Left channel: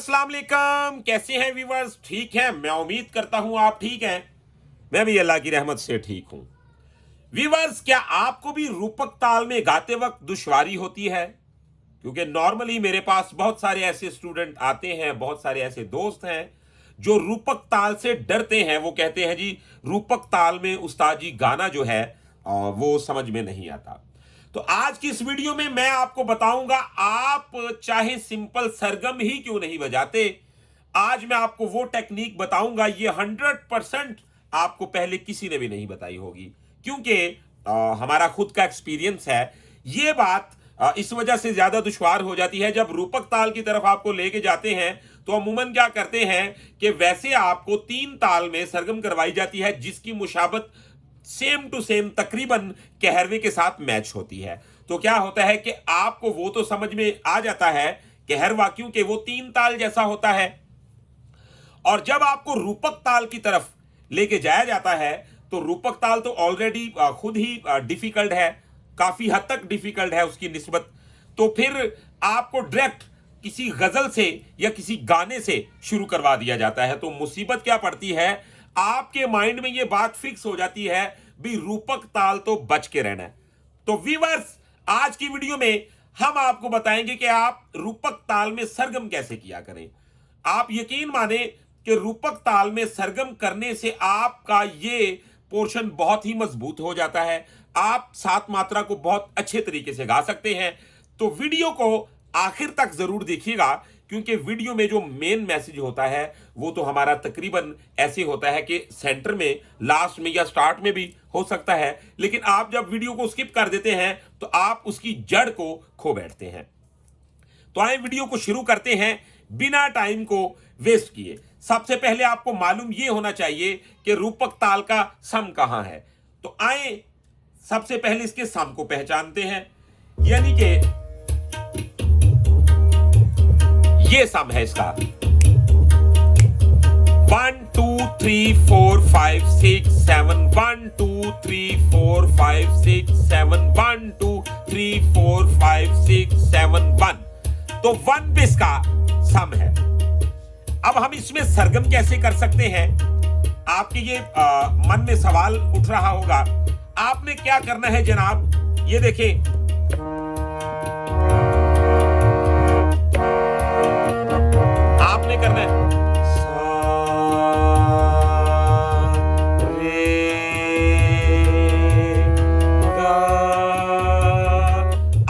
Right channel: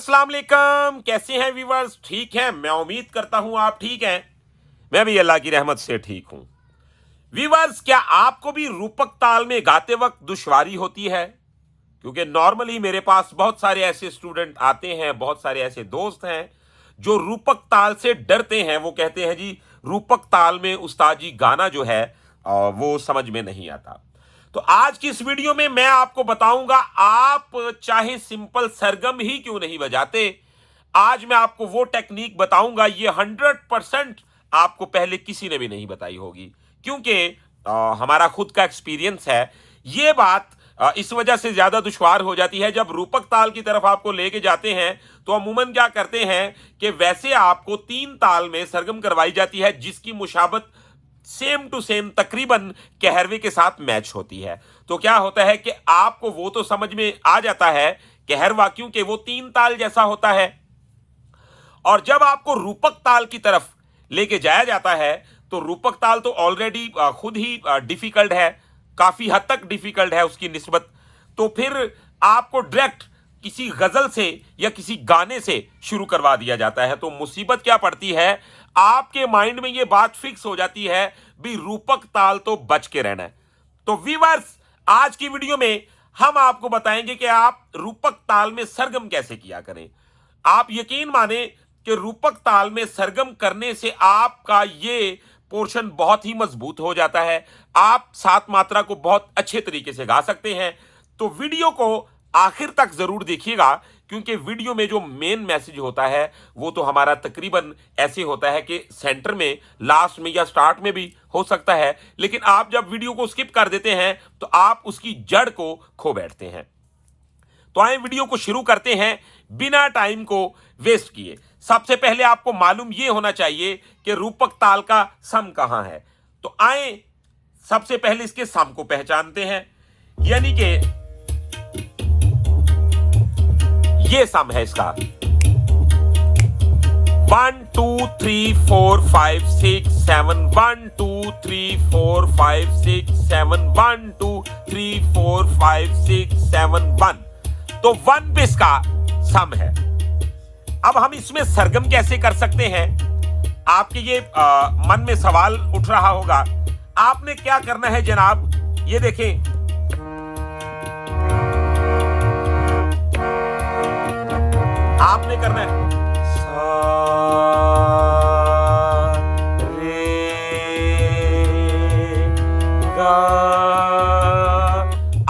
अस्सलाम वालेकुम। कैसे हैं व्यूअर्स? ठीक हैं? मैं उम्मीद करता हूं आप ठीक हैं। मैं भी अल्लाह की रहमत से ठीक हूं। व्यूअर्स, क्या आपको भी रूपक ताल में गाते वक्त दुश्वारी होती है? क्योंकि नॉर्मली मेरे पास बहुत सारे ऐसे स्टूडेंट आते हैं, बहुत सारे ऐसे दोस्त हैं जो रूपक ताल से डरते हैं। वो कहते हैं जी रूपक ताल में उस्ताद जी गाना जो है वो समझ में नहीं आता। तो आज की इस वीडियो में मैं आपको बताऊंगा, आप चाहे सिंपल सरगम ही क्यों नहीं बजाते, आज मैं आपको वो टेक्निक बताऊंगा, ये 100% आपको पहले किसी ने भी नहीं बताई होगी। क्योंकि हमारा खुद का एक्सपीरियंस है। ये बात इस वजह से ज्यादा दुश्वार हो जाती है, जब रूपक ताल की तरफ आपको लेके जाते हैं तो अमूमन क्या करते हैं कि वैसे आपको 3 ताल में सरगम करवाई जाती है जिसकी मुशाबत सेम टू सेम तकरीबन कहरवे के साथ मैच होती है। तो क्या होता है कि आपको वो तो समझ में आ जाता है कहरवा, क्योंकि वो 3 ताल जैसा होता है। और जब आपको रूपक ताल की तरफ लेके जाया जाता है तो रूपक ताल तो ऑलरेडी खुद ही डिफिकल्ट है, काफी हद तक डिफिकल्ट है उसकी निस्बत। तो फिर आपको डायरेक्ट किसी गजल से या किसी गाने से शुरू करवा दिया जाता है। तो मुसीबत क्या पड़ती है, आपके माइंड में यह बात फिक्स हो जाती है भी रूपक ताल तो बच के रहना है। तो व्यूअर्स, आज की वीडियो में हम आपको बताएंगे कि आप रूपक ताल में सरगम कैसे किया करें। आप यकीन माने कि रूपक ताल में सरगम करने से आपका ये पोर्शन बहुत ही मजबूत हो जाता है। आप 7 मात्रा को बहुत अच्छे तरीके से गा सकते हैं। तो वीडियो को आखिर तक जरूर देखिएगा, क्योंकि वीडियो में जो मेन मैसेज होता है वो तो हमारा तकरीबन ऐसे होता है कि सेंटर में, लास्ट में या स्टार्ट में भी हो सकता है, लेकिन आप जब वीडियो को स्किप कर देते हैं तो आप उसकी जड़ को खो बैठते हैं। तो आए वीडियो को शुरू करते हैं बिना टाइम को वेस्ट किए। सबसे पहले आपको मालूम यह होना चाहिए कि रूपक ताल का सम कहां है। तो आए सबसे पहले इसके सम को पहचानते हैं, यानी कि ये सम है इसका 1 2 3 4 5 6 7 1 2 3 4 5 6 7 1 2 3 4 5 6 7 1। तो 1 पे इसका सम है। अब हम इसमें सरगम कैसे कर सकते हैं, आपके ये मन में सवाल उठ रहा होगा। आपने क्या करना है जनाब, ये देखें, आपने करना है सा रे गा।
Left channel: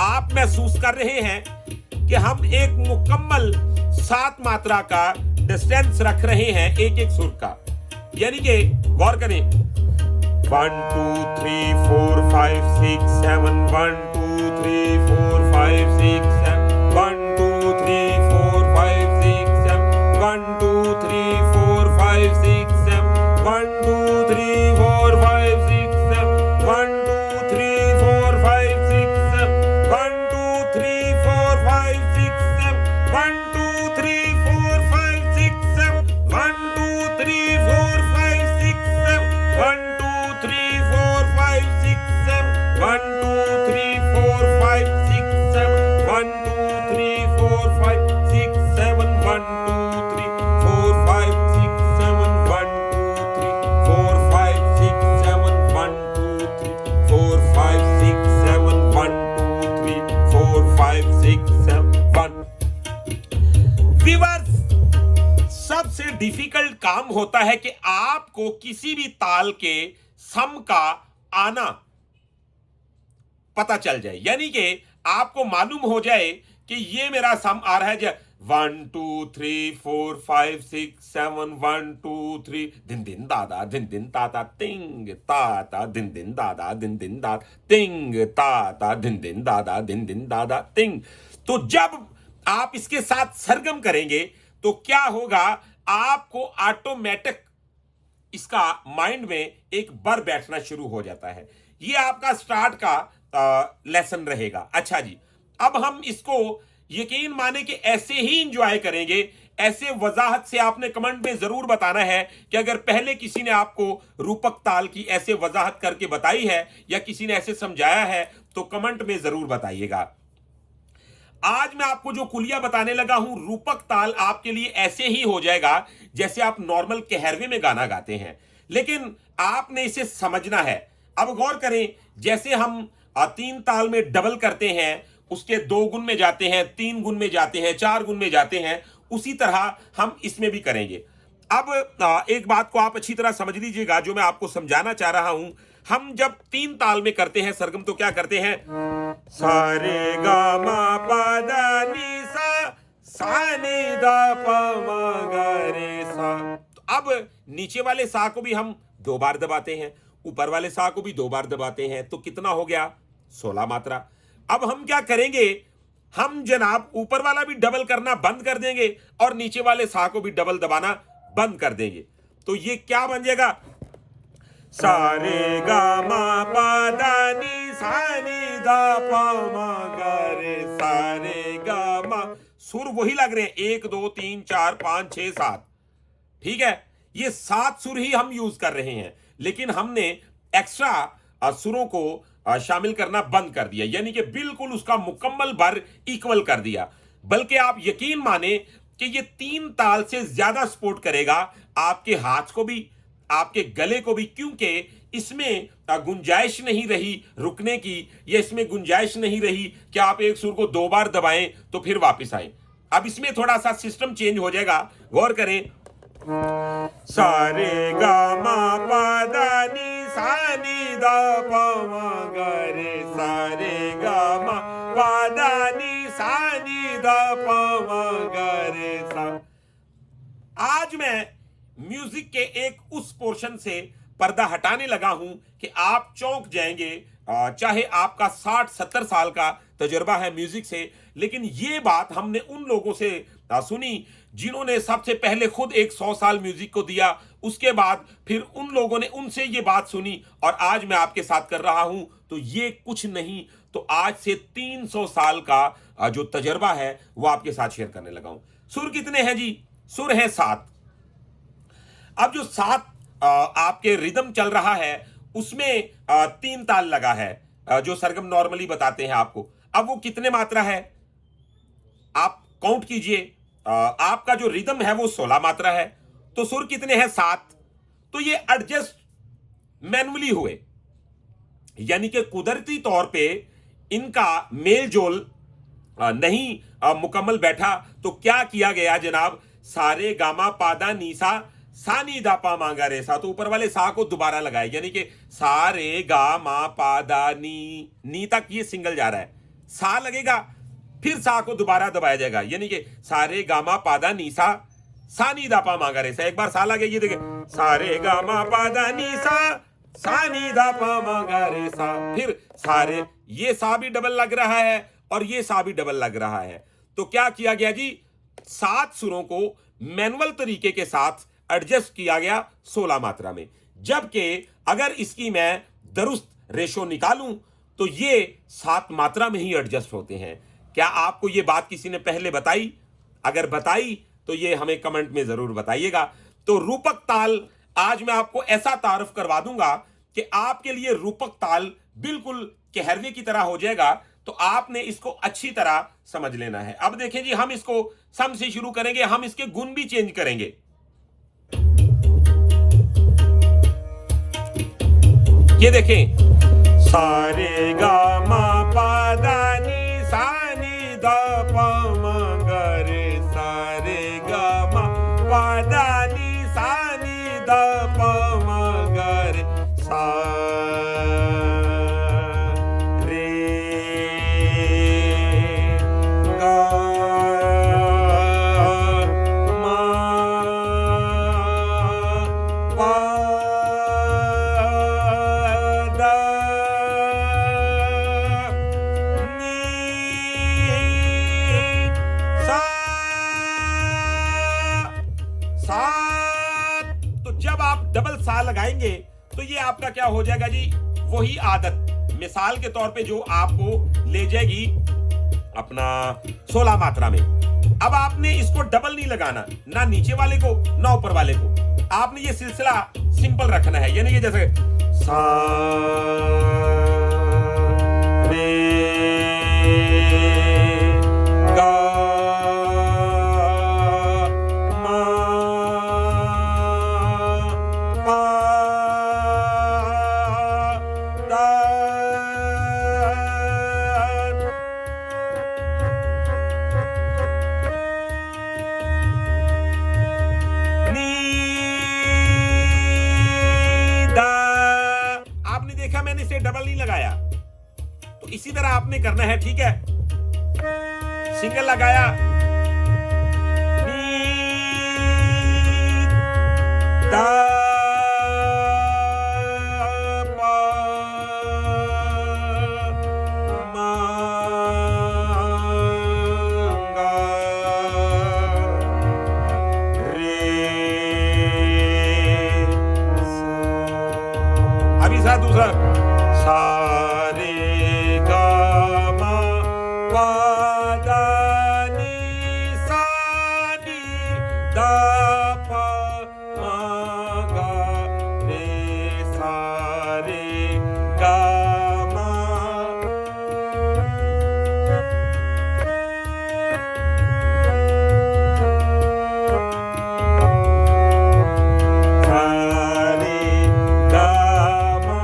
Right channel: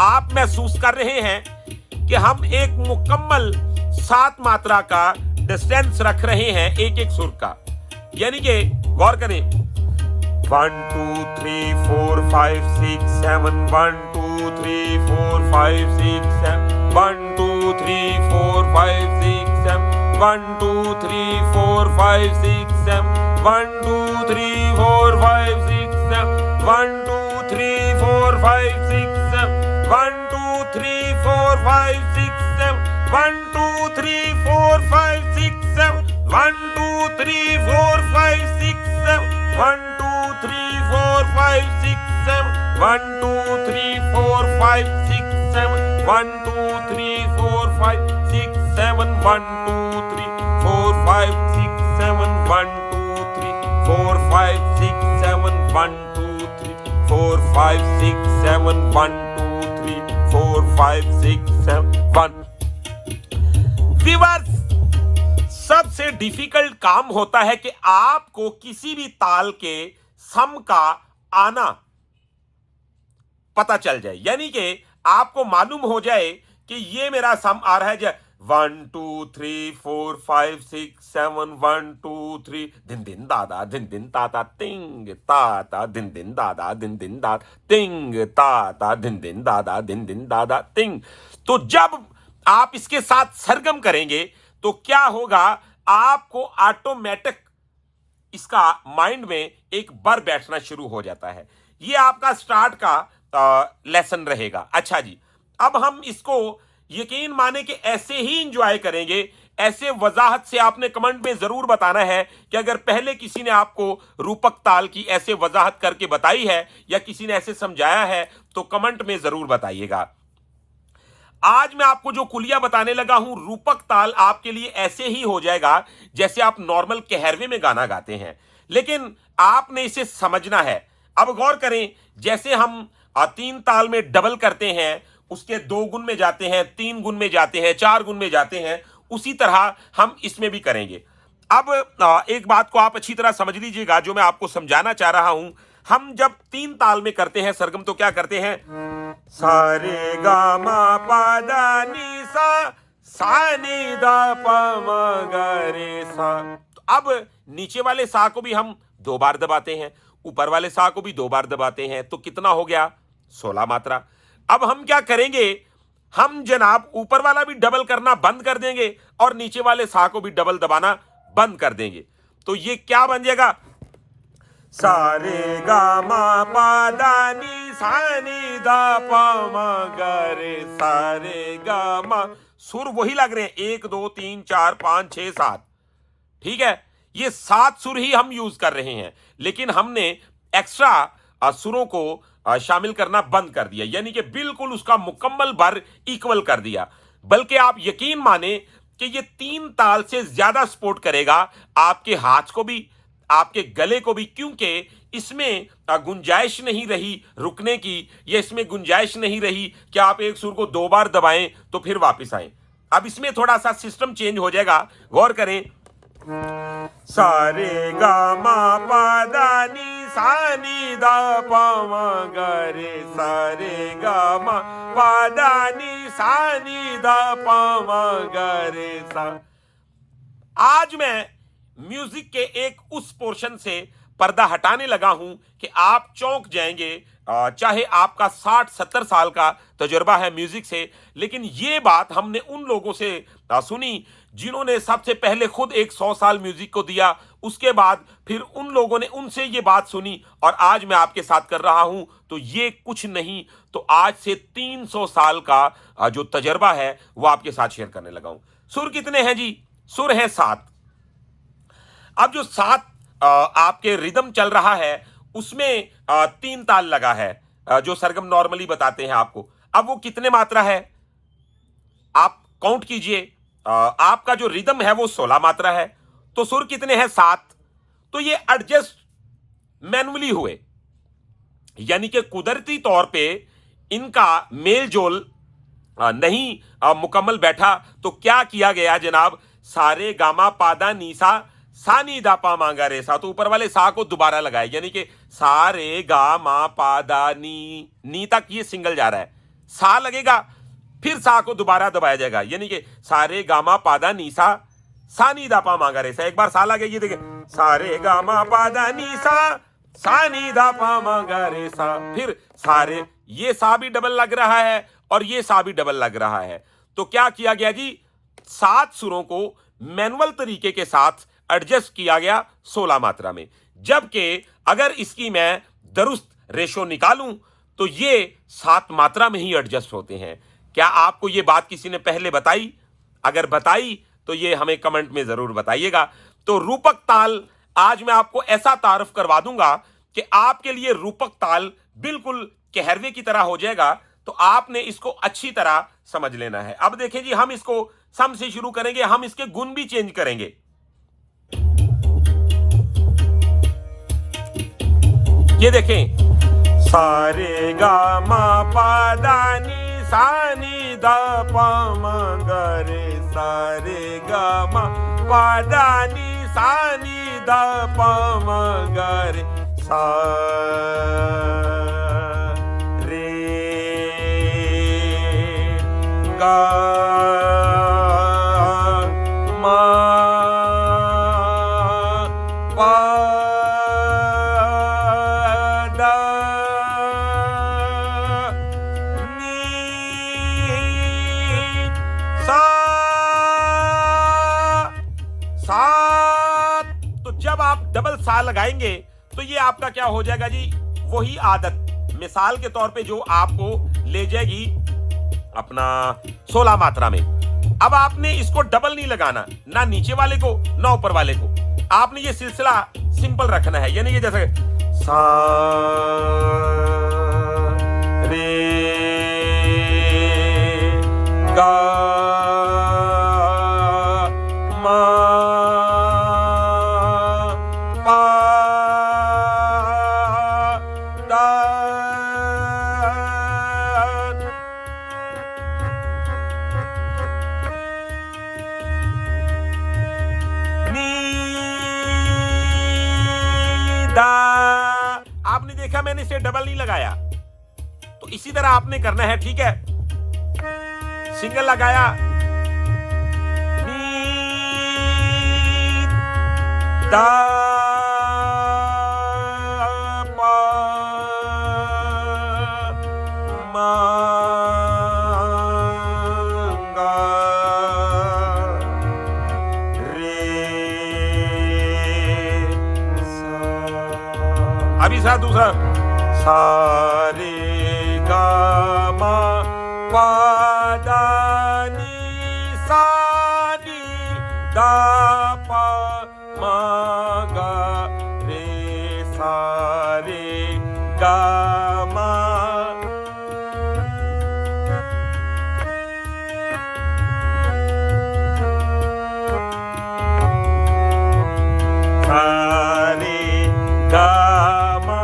आप महसूस कर रहे हैं कि हम एक मुकम्मल 7 मात्रा का डिस्टेंस रख रहे हैं एक एक सुर का। यानी कि गौर करें, 1 2 3 4 5 6 7 1 2 3 4 5 6 7 1 2 3 4 5 6 7 1 2 3 4 5 6 7 1 2 3 4 5 6 7 1 2 3 4 5 6 7 1 2 3 4 5 6 7 1 2 3 4 5 6 7 1 2 3 4 5 6 7 1 2 3 4 5 6 7 1 2 3 4 5 6 7 1 2 3 4 5 6 7 1 2 3 4 5 6 7 1 2 3 4 5 6 7 1 2 3 4 5 6 7 1 2 3 4 5 6 7 1। व्यूअर्स, सबसे डिफिकल्ट काम होता है कि आपको किसी भी ताल के सम का आना पता चल जाए, यानी कि आपको मालूम हो जाए कि ये मेरा सम आ रहा है 1 2 3 4 5 6 7 1 2 3 दिन दिन दादा दिन दिन ताता तिंग ताता दिन दिन दादा दिन दिन दादा तिंग ताता दिन दिन दादा दिन दिन दादा तिंग। तो जब आप इसके साथ सरगम करेंगे तो क्या होगा, आपको ऑटोमेटिक इसका माइंड में एक बर बैठना शुरू हो जाता है। ये आपका स्टार्ट का लेसन रहेगा। अच्छा जी, अब हम इसको यकीन माने कि ऐसे ही इंजॉय करेंगे। ऐसे वजाहत से आपने कमेंट में जरूर बताना है कि अगर पहले किसी ने आपको रूपक ताल की ऐसे वजाहत करके बताई है या किसी ने ऐसे समझाया है तो कमेंट में जरूर बताइएगा। आज मैं आपको जो कुलिया बताने लगा हूं, रूपक ताल आपके लिए ऐसे ही हो जाएगा जैसे आप नॉर्मल कहरवे में गाना गाते हैं, लेकिन आपने इसे समझना है। अब गौर करें, जैसे हम 3 ताल में डबल करते हैं, उसके 2 गुण में जाते हैं, 3 गुण में जाते हैं, 4 गुण में जाते हैं, उसी तरह हम इसमें भी करेंगे। अब एक बात को आप अच्छी तरह समझ लीजिएगा, जो मैं आपको समझाना चाह रहा हूं। हम जब 3 ताल में करते हैं सरगम, तो क्या करते हैं? सा रे गा मा पा दा नी सा, सा नी दा पा मा गा रे सा। तो अब नीचे वाले सा को भी हम 2 बार दबाते हैं, ऊपर वाले सा को भी 2 बार दबाते हैं, तो कितना हो गया? 16 मात्रा। अब हम क्या करेंगे? हम जनाब ऊपर वाला भी डबल करना बंद कर देंगे और नीचे वाले सा को भी डबल दबाना बंद कर देंगे। तो ये क्या बन जाएगा? सा रे गा मा पा दा नी सा नी दा पा मा गा रे सा रे गा मा। सुर वही लग रहे हैं, 1 2 3 4 5 6 7। ठीक है, ये 7 सुर ही हम यूज कर रहे हैं, लेकिन हमने एक्स्ट्रा सुरों को शामिल करना बंद कर दिया, यानी कि बिल्कुल उसका मुकम्मल भर इक्वल कर दिया। बल्कि आप यकीन माने कि ये 3 ताल से ज्यादा सपोर्ट करेगा आपके हाथ को भी, आपके गले को भी, क्योंकि इसमें गुंजाइश नहीं रही रुकने की, या इसमें गुंजाइश नहीं रही कि आप एक सुर को 2 बार दबाएं तो फिर वापस आए। अब इसमें थोड़ा सा सिस्टम चेंज हो जाएगा, गौर करें। सा रे गा मा पा दा नी सा नी दा पा मा गा रे सा रे गा मा पा दा नी सा नी दा पा मा गा रे सा। आज मैं म्यूजिक के एक उस पोर्शन से पर्दा हटाने लगा हूं कि आप चौंक जाएंगे। चाहे आपका 60-70 साल का तजुर्बा है म्यूजिक से, लेकिन ये बात हमने उन लोगों से सुनी जिन्होंने सबसे पहले खुद एक 100 साल म्यूजिक को दिया, उसके बाद फिर उन लोगों ने उनसे ये बात सुनी, और आज मैं आपके साथ कर रहा हूं। तो ये कुछ नहीं तो आज से 300 साल का जो तजुर्बा है वो आपके साथ शेयर करने लगा हूं। सुर कितने हैं जी? सुर हैं 7। अब जो 7 आपके रिदम चल रहा है, उसमें 3 ताल लगा है, जो सरगम नॉर्मली बताते हैं आपको। अब वो कितने मात्रा है आप काउंट कीजिए। आपका जो रिदम है वो 16 मात्रा है, तो सुर कितने हैं? 7। तो ये एडजस्ट मैनुअली हुए, यानी कि कुदरती तौर पे इनका मेल जोल नहीं मुकम्मल बैठा। तो क्या किया गया जनाब? सारे गामा पादा नीसा सा नी दा पा मांगा रे सा, तो ऊपर वाले सा को दोबारा लगाए, यानी कि सा रे गा मा पा दा नी तक ये सिंगल जा रहा है। सा लगेगा, फिर सा को दोबारा दबाया जाएगा, यानी कि सा रे गा मा पा दा नी सा नी दा पा मांगा रे सा। एक बार सा लगे, ये देखिए, सा रे गा मा पा दा नी सा नी दा पा मांगा रे सा। फिर सारे, ये सा भी डबल लग रहा है और ये सा भी डबल लग रहा है। तो क्या किया गया जी? 7 सुरों को मैनुअल तरीके के साथ एडजस्ट किया गया 16 मात्रा में। जबकि अगर इसकी मैं दुरुस्त रेशो निकालूं तो ये 7 मात्रा में ही एडजस्ट होते हैं। क्या आपको ये बात किसी ने पहले बताई? अगर बताई तो ये हमें कमेंट में जरूर बताइएगा। तो रूपक ताल आज मैं आपको ऐसा तारुफ करवा दूंगा कि आपके लिए रूपक ताल बिल्कुल कहरवे की तरह हो जाएगा। तो आपने इसको अच्छी तरह समझ लेना है। अब देखें जी, हम इसको सम से शुरू करेंगे, हम इसके गुण भी चेंज करेंगे। ये देखें, सारे गा मा पा दा नी सा नी दा पा मा गा रे, सारे गा मा पा दा नी सा नी दा पा मा गा रे, सा रे गा मा पा लगाएंगे तो ये आपका क्या हो जाएगा जी? वही आदत मिसाल के तौर पे जो आपको ले जाएगी अपना 16 मात्रा में। अब आपने इसको डबल नहीं लगाना, ना नीचे वाले को ना ऊपर वाले को। आपने ये सिलसिला सिंपल रखना है, यानी कि जैसे सा रे इसी तरह आपने करना है, ठीक है। सिंगल लगाया, नी दा पा मा गा रे सा। अभी साथ दूसरा, सा रे गा मा पा दा नी सा नी दा पा मा गा रे सा रे गा मा। सा रे गा मा।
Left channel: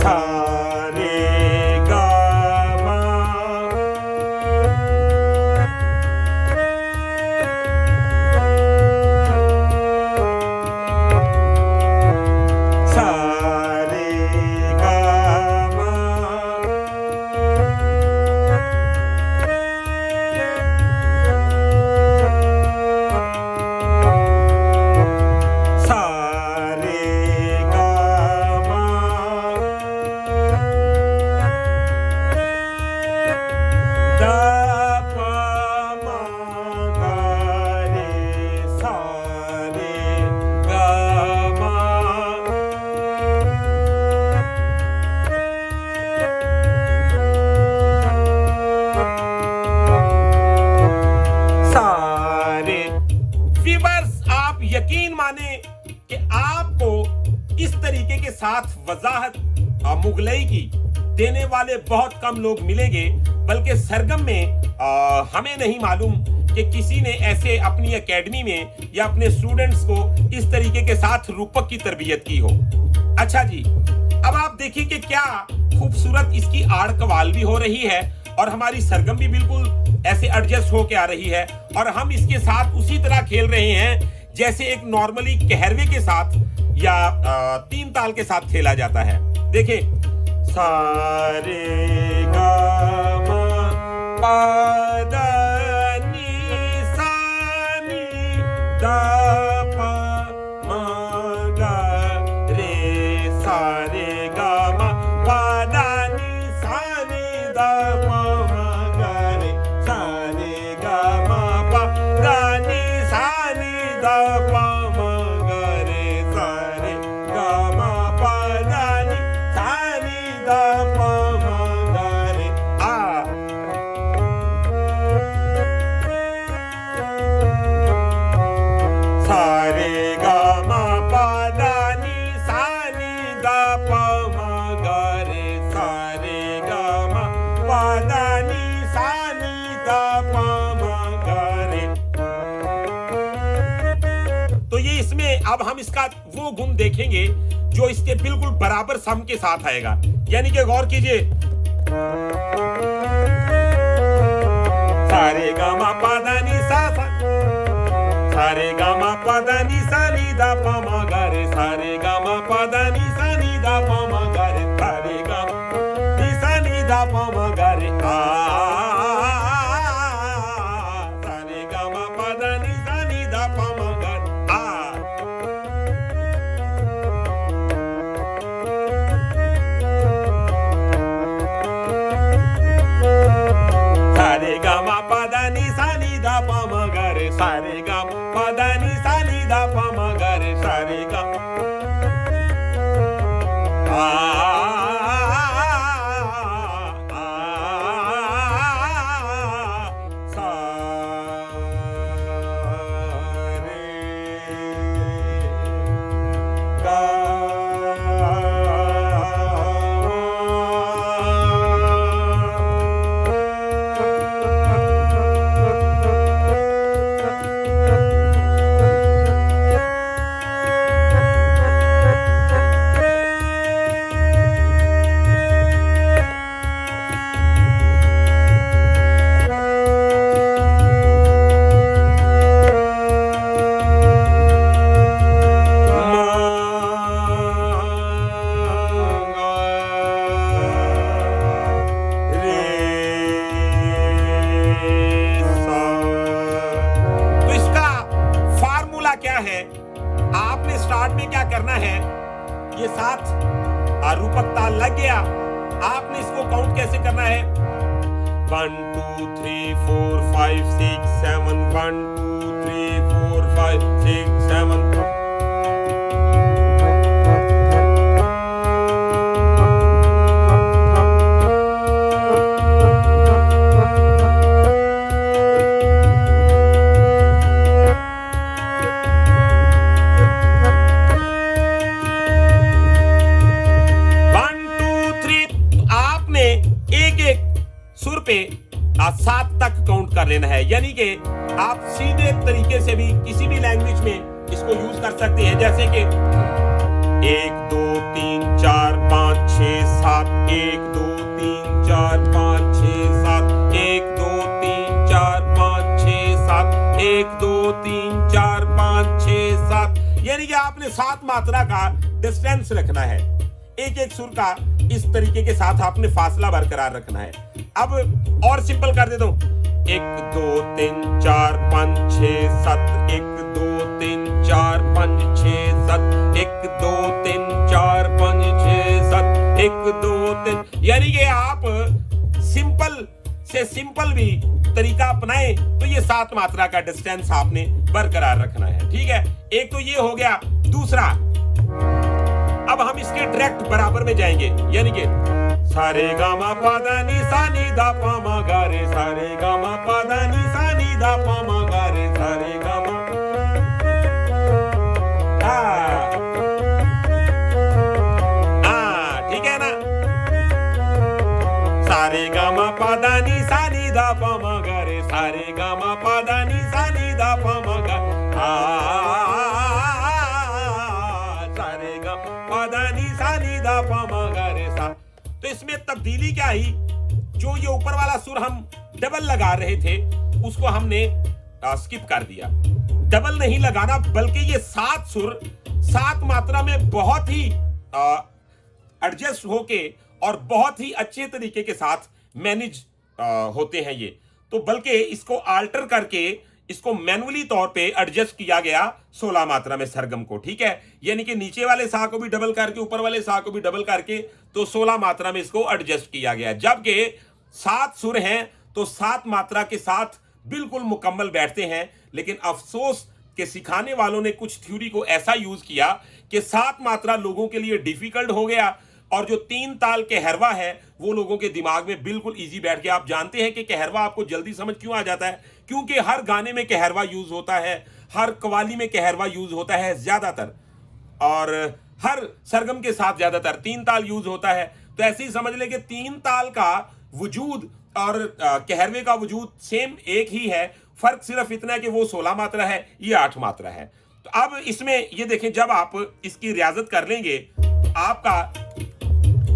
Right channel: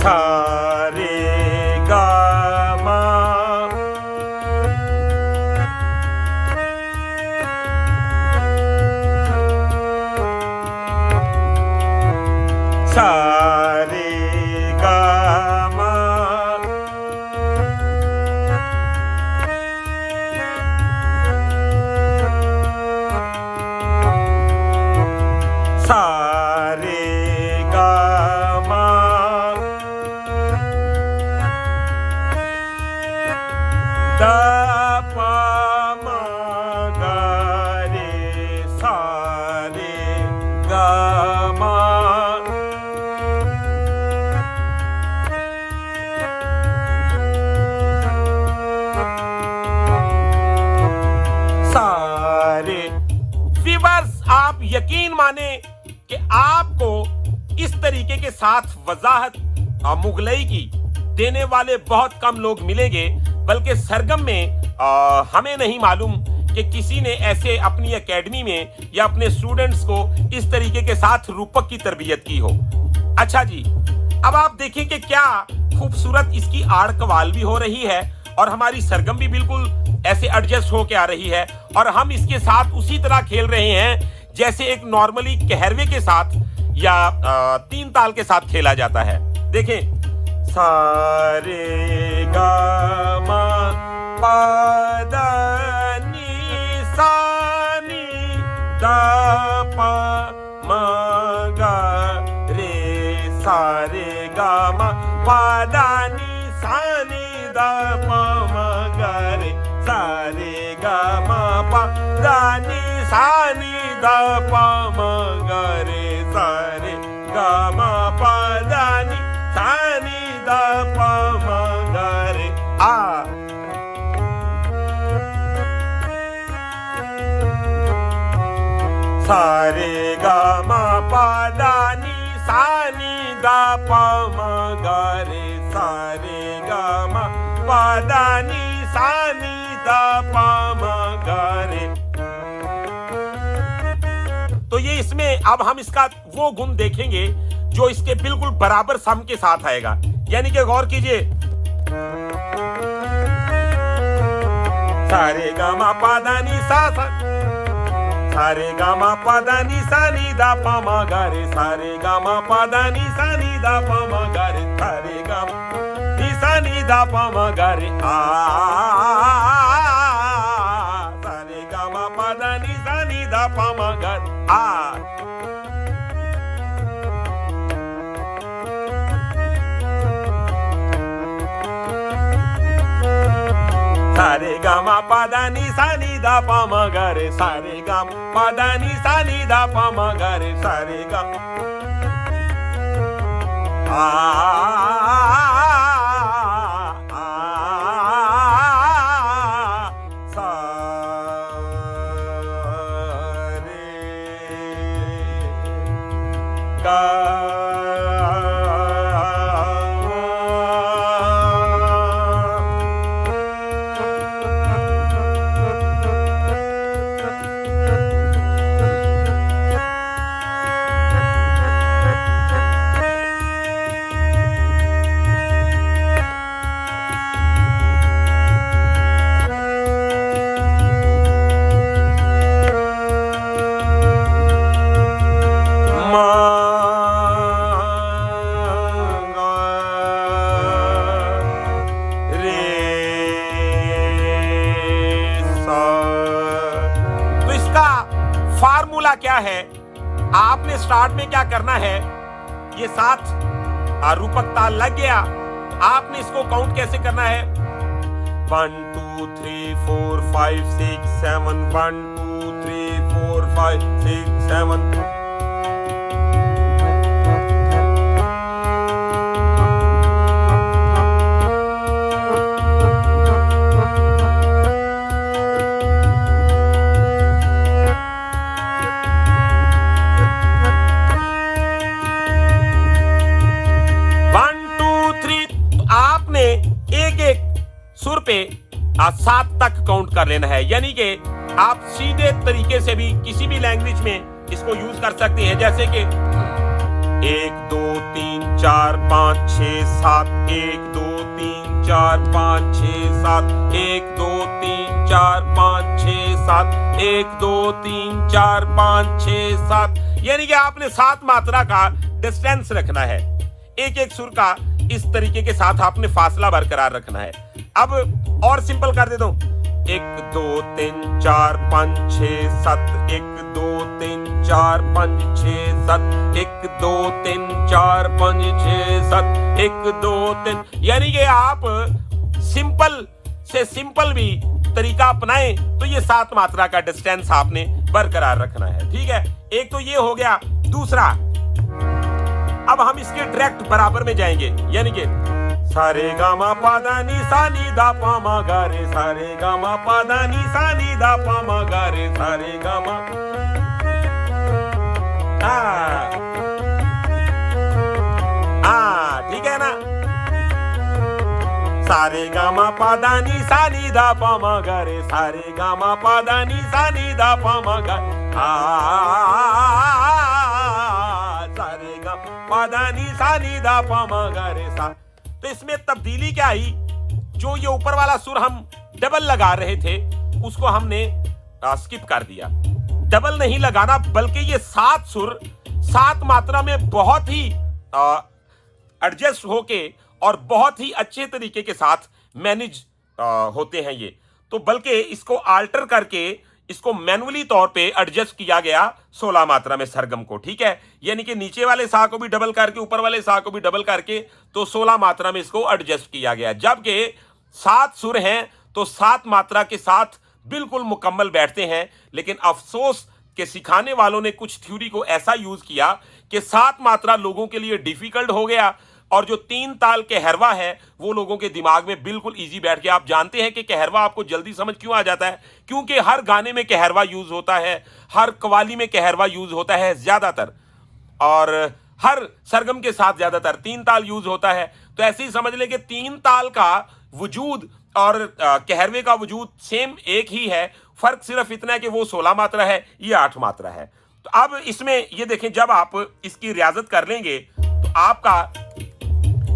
सा रे गा मा। सा रे गा मा। सा रे गा मा। दा पा मा गा रे सा रे गा मा। सारे व्यूअर्स, आप यकीन माने कि आपको इस तरीके के साथ वजाहत मुगलई की देने वाले बहुत कम लोग मिलेंगे, बल्कि सरगम में हमें नहीं मालूम कि किसी ने ऐसे अपनी एकेडमी में या अपने स्टूडेंट्स को इस तरीके के साथ रूपक की तरबियत की हो। अच्छा जी, अब आप देखिए कि क्या खूबसूरत इसकी आड़ कवाल भी हो रही है और हमारी सरगम भी बिल्कुल ऐसे एडजस्ट हो के आ रही है, और हम इसके साथ उसी तरह खेल रहे हैं जैसे एक नॉर्मली कहरवे के साथ या तीन ताल के साथ खेला जाता है। देखें, सा रे गा मा पा दा नी सा नी दा पा मा गा रे सा रे गा मा पा दा नी सा नी दा पा मा गा रे सा रे गा मा पा दा नी सा नी दा पा मा गा रे सा रे गा मा पा दा नी सा नी दा पा मा गा रे। सा रे गा मा पा दा नी सा नी दा पा मा गा रे सा रे गा मा पा दा नी सा नी दा पा मा गा रे। तो ये इसमें अब हम इसका वो गुण देखेंगे जो इसके बिल्कुल बराबर सम के साथ आएगा, यानी कि गौर कीजिए, सा रे गा मा पा दा नी सा सा, सा रे गा मा पा दा नी सा नी दा पा मा गा रे सा रे गा मा पा दा नी सा नी दा पा मा गा रे सा रे गा मा नी सा नी दा पा मा गा रे सा रे गा मा पा दा नी सा नी दा पा मा गा रे सा रे गा मा पा दा नी सा नी दा पा मा गा रे सा रे गा मा पा दा नी सा नी दा पा मा गा रे सा रे गा ये 7 रूपक ताल लग गया। आपने इसको काउंट कैसे करना है? 1 2 3 4 5 6 7 1 2 3 4 5 6 7 सुर पे 7 तक काउंट कर लेना है। यानी कि आप सीधे तरीके से भी किसी भी लैंग्वेज में इसको यूज कर सकते हैं, जैसे कि 1 2 3 4 5 6 7 1 2 3 4 5 6 7 1 2 3 4 5 6 7 1 2 3 4 5 6 7। यानी कि आपने 7 मात्रा का डिस्टेंस रखना है। एक एक सुर का इस तरीके के साथ आपने फासला बरकरार रखना है। अब और सिंपल कर देता हूं, 1 2 3 4 5 6 7 1 2 3 4 5 6 7 1 2 3 4 5 6 7 1 2 3। यानी कि आप सिंपल से सिंपल भी तरीका अपनाएं तो ये 7 मात्रा का डिस्टेंस आपने बरकरार रखना है। ठीक है, एक तो ये हो गया। दूसरा, अब हम इसके डायरेक्ट बराबर में जाएंगे, यानी कि सारे गामा पादा नी सा नी दा पा मा गा रे, सारे गामा पादा नी सा नी दा पा मा गा रे, सारे गामा। ठीक है ना? सारे गामा पादा नी सा नी दा पा मा गा रे, सारे गामा पादा नी सा नी दा पा मा गा। तो इसमें तब्दीली क्या आई? जो ये ऊपर वाला सुर हम डबल लगा रहे थे उसको हमने स्किप कर दिया। डबल नहीं लगाना, बल्कि ये 7 सुर 7 मात्रा में बहुत ही एडजस्ट होके और बहुत ही अच्छे तरीके के साथ मैनेज होते हैं ये। तो बल्कि इसको आल्टर करके इसको मैनुअली तौर पे एडजस्ट किया गया 16 मात्रा में सरगम को। ठीक है, यानी कि नीचे वाले सा को भी डबल करके ऊपर वाले सा को भी डबल करके तो 16 मात्रा में इसको एडजस्ट किया गया। जबकि 7 सुर हैं तो 7 मात्रा के साथ बिल्कुल मुकम्मल बैठते हैं। लेकिन अफसोस के सिखाने वालों ने कुछ थ्योरी को ऐसा यूज किया कि 7 मात्रा लोगों के लिए डिफिकल्ट हो गया और जो 3 ताल कहरवा है वो लोगों के दिमाग में बिल्कुल इजी बैठ गया। आप जानते हैं कि कहरवा आपको जल्दी समझ क्यों आ जाता है? क्योंकि हर गाने में कहरवा यूज होता है, हर कवाली में कहरवा यूज होता है ज्यादातर, और हर सरगम के साथ ज्यादातर 3 ताल यूज होता है। तो ऐसे ही समझ लें कि 3 ताल का वजूद और कहरवे का वजूद सेम एक ही है, फर्क सिर्फ इतना है कि वो 16 मात्रा है, ये 8 मात्रा है। तो अब इसमें ये देखें, जब आप इसकी रियाजत कर लेंगे तो आपका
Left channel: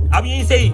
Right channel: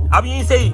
अब यहीं से ही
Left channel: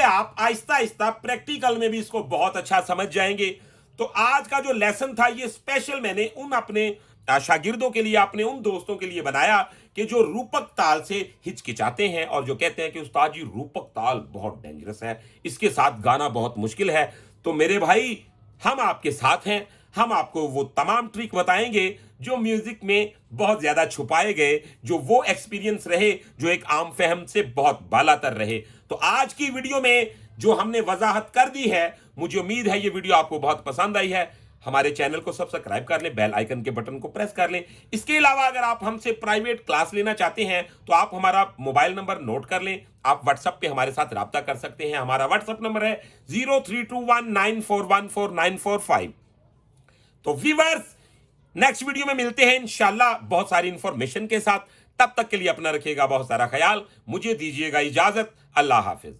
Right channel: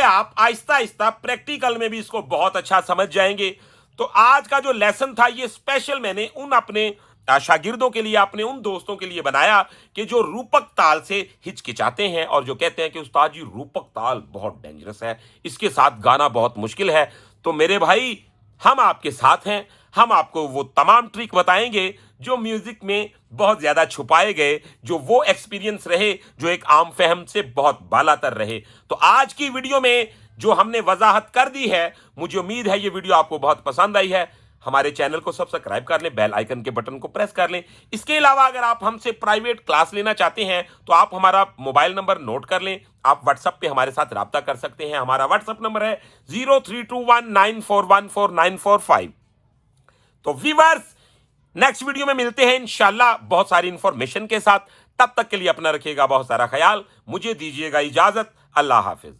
आप आहिस्ता आहिस्ता प्रैक्टिकल में भी इसको बहुत अच्छा समझ जाएंगे। तो आज का जो लेसन था ये स्पेशल मैंने उन अपने शागिर्दों के लिए, अपने उन दोस्तों के लिए बनाया कि जो रूपक ताल से हिचकिचाते हैं और जो कहते हैं कि उस्ताद जी रूपक ताल बहुत डेंजरस है, इसके साथ गाना बहुत मुश्किल है। तो मेरे भाई, हम आपके साथ हैं। हम आपको वो तमाम ट्रिक बताएंगे जो म्यूजिक में बहुत ज्यादा छुपाए गए, जो वो एक्सपीरियंस रहे जो एक आम फहम से बहुत बालातर रहे। तो आज की वीडियो में जो हमने वजाहत कर दी है, मुझे उम्मीद है ये वीडियो आपको बहुत पसंद आई है। हमारे चैनल को सब्सक्राइब कर लें, बेल आइकन के बटन को प्रेस कर लें। इसके अलावा अगर आप हमसे प्राइवेट क्लास लेना चाहते हैं तो आप हमारा मोबाइल नंबर नोट कर लें। आप व्हाट्सएप पे हमारे साथ राब्ता कर सकते हैं। हमारा व्हाट्सएप नंबर है 0321941445। तो व्यूअर्स, नेक्स्ट वीडियो में मिलते हैं इंशाल्लाह बहुत सारी इंफॉर्मेशन के साथ। तब तक के लिए अपना रखिएगा बहुत सारा ख्याल। मुझे दीजिएगा इजाजत। अल्लाह हाफिज।